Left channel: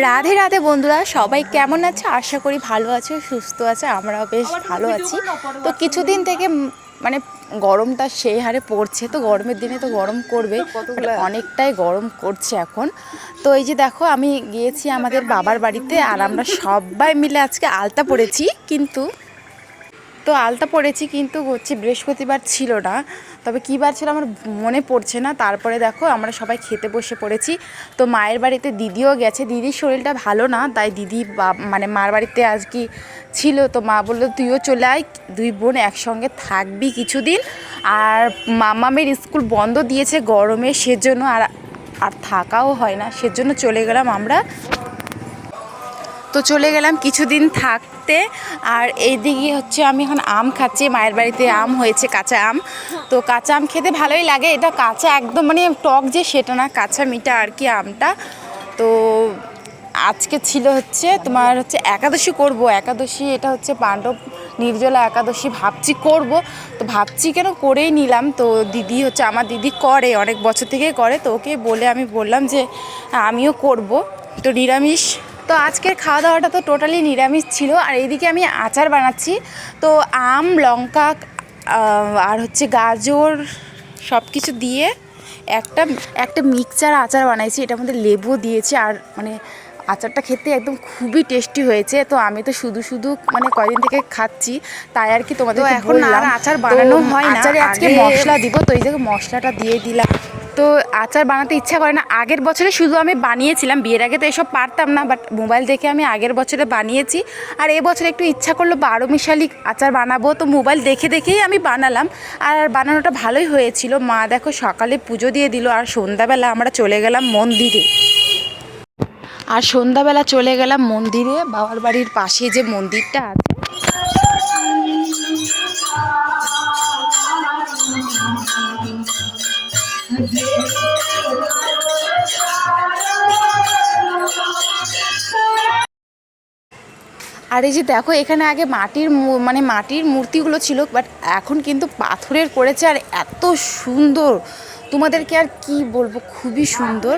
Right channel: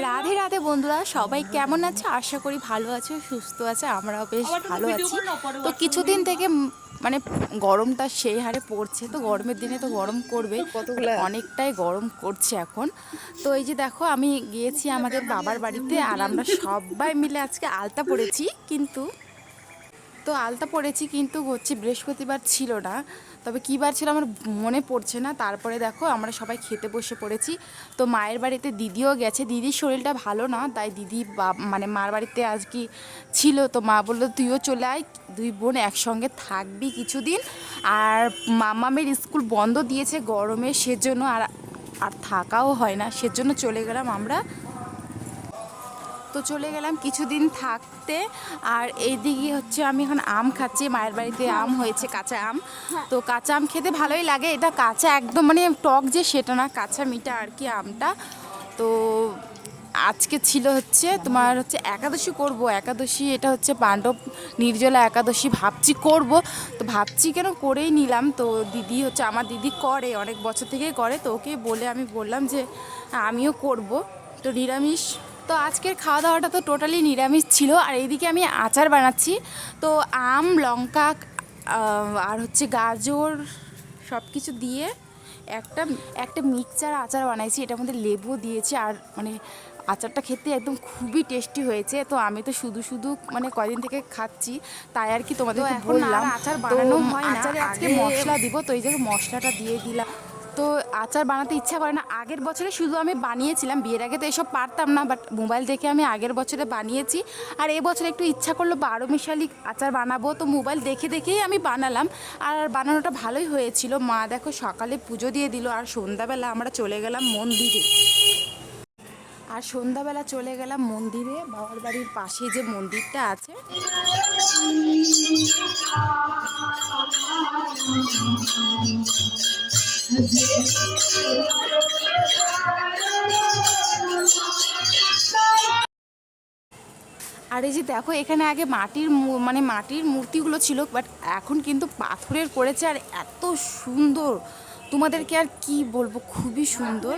রাধে রাধে বন্ধুরা সবাই কেমন আছে? আশা করি ভালো আছে সুস্থ আছে আমরাও বেশ ভালো আছি। তো কিছুদিন থেকে মানে গরমটা সেই হারে পড়ছে তো গরমের দিনে তো গরম করবে মানে অনেকটাই গরম করছে এখন। তো এই যে দেখো আমি গিয়েছি আমাদের বাবার বাড়িতে আর আমরা সবাই মিলে আজকে আলতা পড়েছি কিন্তু তো আলতা পড়েছি কিন্তু হচ্ছে বৃহস্পতিবার ছিল না। তবে কী বার ছিল আমার মনে পড়ছে না। তারপরে দেখো আমরা সবাই খেতে বসে পড়েছি। তো মায়ের বাড়িতে দিদিও গেছে। দিদির শরীরটা ভালো না, তাই দিদি মানে মার বাড়িতে আজ কি ছিল? তো মা বলল, তুইও চলে আয়, দুই বোন একসঙ্গে থাকবি কিছুদিন। আর মামামের স্কুল বন্ধ দিয়েছে গরমে, সেজন্য আর আর থাকাও হয় না। সেজন্য চলে গেলাম আমরা তো চলে গেলাম কিছুদিন থাকতে। আর এইদিকে হচ্ছে আমি এখন আম খাচ্ছি, মায়ের বাড়িতে আম হয়েছে, কাঁচা আম। তো কাঁচা আম খেতে ভালোই লাগে, এটা কাঁচা একদম মানে টক যে সেটা না, কাঁচা মিঠা আর কি আমটা। তো আজকে ছিল হচ্ছে তোমার হচ্ছে একাদশী করব, একাদশী এটা হচ্ছে পাণ্ডব নির্জলা একাদশী ভাবছি করব। তো ভাবছি কেন করেই নিলাম, তো দিদি হচ্ছে আমার দিদি করে, অনেক বছর থেকেই করে। তো ওকে বলে আমি বললাম যে আমিও করব। তো নিরামিষ তো আজকের খাওয়া দাওয়াটা তো টোটালি নিরামিষ ছিল আর এইদিকে আমি আচার বানাচ্ছি। তো আম লঙ্কা আর হচ্ছে গাজর সব কিছু দিয়ে একটা একটা মিক্সচার আচার বানাইছি। এটার মধ্যে লেবু দিয়েছি আর মানে আচারটা খেতে একদম খুবই টেস্টি হয়েছে। তো আমি তো শুধু শুধু মানে কয়দিন থেকে খাচ্ছি তাই আর কি তোমাদের এখন আর আচার বানানো হয় না। আজকে মশলা দিব তো এই যে মশলাটা দিয়ে দিলাম। তো আচার বানাতে ইচ্ছা করে না। আগের বছরে শুধু আমি বানিয়েছিলাম, বিয়ের আগে তো এসব পারতাম না বাট মোবাইল দেখে আমি আগের বছরে বানিয়েছি। আর এবছর একটু ইচ্ছা করল বারো মিশালি আচার বানাবো, তো মোবাইল দেখে দেখেই আমি বানালাম। আর বানানোটা ভালোই হয়েছিল। মা দেখো সকালে পুজো দিয়ে দিল, আর সন্ধ্যাবেলা আমরা চলে গেলাম মন্দিরে। আর সন্ধ্যাবেলা চলে গেলাম মন্দিরে। বাবার বাড়ির পাশে যে মন্দিরটা আছে আর এই যে দেখো, এখানে আগে মাটির মানে মাটির মূর্তিগুলো ছিল বাট এখন কিন্তু পাথরের করেছে, আর এত সুন্দর। তোমাদেরকে আর কি বলব, খুবই সুন্দর।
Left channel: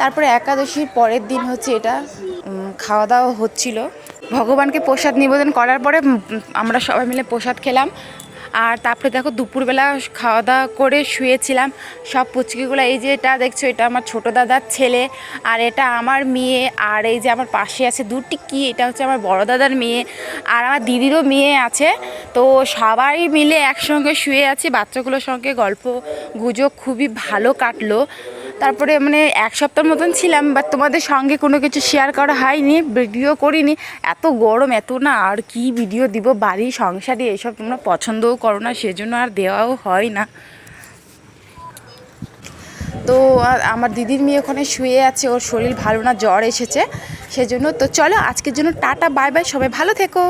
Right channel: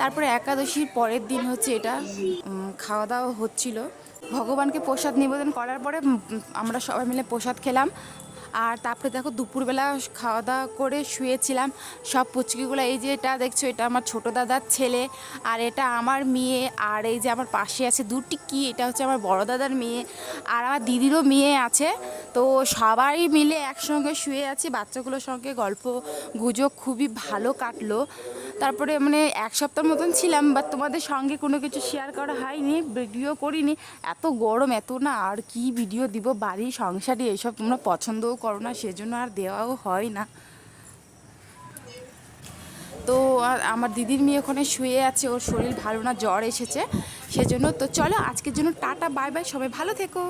তারপরে একাদশীর পরের দিন হচ্ছে এটা খাওয়া দাওয়া হচ্ছিল। ভগবানকে প্রসাদ নিবেদন করার পরে আমরা সবাই মিলে প্রসাদ খেলাম। আর তারপরে দেখো দুপুরবেলা খাওয়া দাওয়া করে শুয়েছিলাম। সব পুচকিগুলো, এই যে এটা দেখছ, এটা আমার ছোট দাদার ছেলে আর এটা আমার মেয়ে আর এই যে আমার পাশে আছে দুটি কি? এটা হচ্ছে আমার বড় দাদার মেয়ে আর আমার দিদিরও মেয়ে আছে। তো সবাই মিলে একসঙ্গে শুয়ে আছি, বাচ্চাগুলোর সঙ্গে গল্প গুজব খুবই ভালো কাটলো। তারপরে মানে এক সপ্তাহ মতন ছিলাম বাট তোমাদের সঙ্গে কোনো কিছু শেয়ার করা হয়নি ভিডিও করিনি। এত গরম, এত না আর কি ভিডিও দিব, বাড়ি, সংসারে এসব তোমরা পছন্দও করো না, সেজন্য আর দেওয়াও হয় না। তো আমার দিদির মেয়ে ওখানে শুয়ে আছে, ওর শরীর ভালো না, জ্বর এসেছে, সেজন্য তো চলো আজকের জন্য টাটা বাই বাই সবাই ভালো থেকো।